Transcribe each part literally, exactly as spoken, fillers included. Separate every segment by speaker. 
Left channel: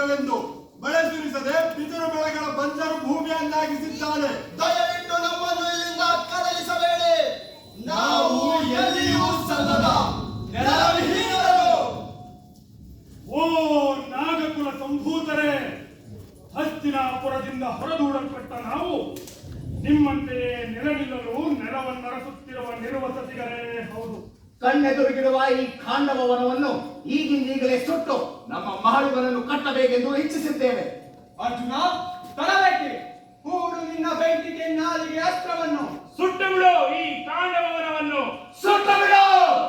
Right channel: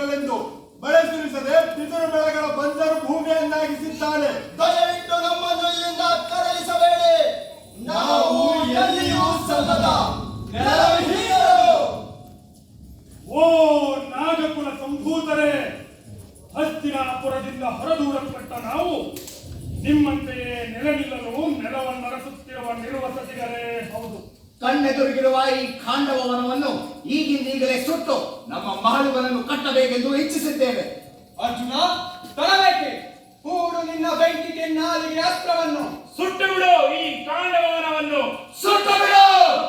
Speaker 1: ಬರಲೆಂದು ಮಳೆ ಸುರಿಸದೆ ಬಿದಿರು ಬೆಳೆಗಳ ಬಂಜರು ಭೂಮಿಯನ್ನಾಗಿಸಿದ್ದಾನೆ.
Speaker 2: ದಯವಿಟ್ಟು ನಮ್ಮನ್ನು ಇಲ್ಲಿಂದ ಕದಲಿಸಬೇಡಿ. ನಾವು ಎಲ್ಲಿಯೂ ಸಲ್ಲದ ನೆಲವಿಹೀನರು.
Speaker 3: ಓ ನಾಗಕುಲ ಸಂಭೂತರೇ, ಹಸ್ತಿನಾಪುರದಿಂದ ಹೊರದೂಡಲ್ಪಟ್ಟ ನಾವು ನಿಮ್ಮಂತೆಯೇ ನೆಲವಿಲ್ಲಲು ನೆಲವನ್ನರಸುತ್ತಿರುವ ನಿರ್ವಸತಿಗರೇ ಹೌದು.
Speaker 4: ಕಣ್ಣೆದುರಿಗಿರುವ ಈ ಖಾಂಡವ ವನವನ್ನು ಈಗಿಂದೀಗಲೇ ಸುಟ್ಟು ನಮ್ಮ ಮಹಳುಗಳನ್ನು ಕಟ್ಟಬೇಕೆಂದು ಇಚ್ಛಿಸಿದ್ದೇವೆ.
Speaker 2: ಅರ್ಜುನ, ತರಬೇಕೆ ಕೂಡು ನಿನ್ನ ಬೆಂಕಿಗೆ ನಾಲಿಗೆ ಅಸ್ತ್ರವನ್ನು.
Speaker 3: ಸುಟ್ಟು ಬಿಡು ಈ ಖಾಂಡವ ವನವನ್ನು,
Speaker 4: ಸುಟ್ಟು ಬಿಡು.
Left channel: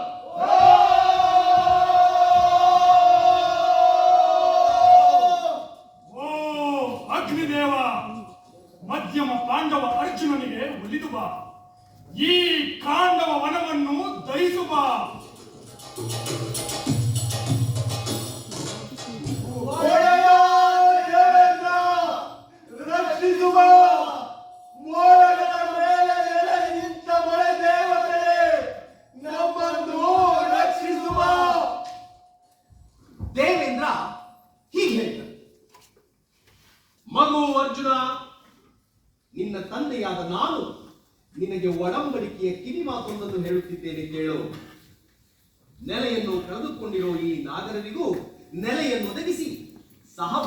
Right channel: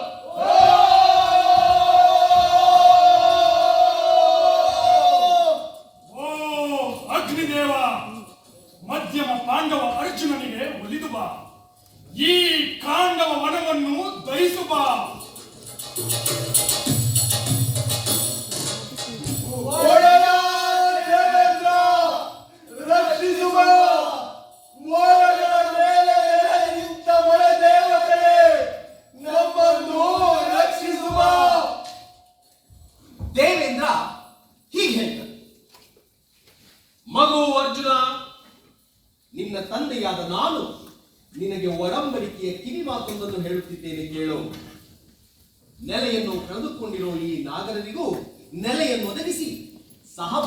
Speaker 3: ಓ ಅಗ್ನಿದೇವ, ಮಧ್ಯಮ ಪಾಂಡವ ಅರ್ಜುನನಿಗೆ ಒಲಿದು ಬಾ. ಈ ಖಾಂಡವ ವನವನ್ನು ದಹಿಸು ಬಾ.
Speaker 1: ರಕ್ಷಿಸುವ ಮೋಡಗಳ ಮೇಲೆ ನಿಂತ ಮಳೆ ದೇವತೆಯೇ, ನಮ್ಮನ್ನು ರಕ್ಷಿಸುವ.
Speaker 4: ದೇವೇಂದ್ರ ಹೀಗೆ ಹೇಳ್ತಾರೆ.
Speaker 5: ಮಗು ಅರ್ಜುನ, ನಿನ್ನ ತಂದೆಯಾದ ನಾನು ನಿನಗೆ ಒಡಂಬಡಿಕೆಯ ಕಿವಿ ಮಾತೊಂದನ್ನು ಹೇಳುತ್ತಿದ್ದೇನೆ, ಕೇಳು. ನೆಲೆಯನ್ನು ಕಳೆದುಕೊಂಡಿರೋ ಈ ನಾಗರಿಗೂ ನೆಲೆಯನ್ನು ಒದಗಿಸಿ ಸಹವಾಸ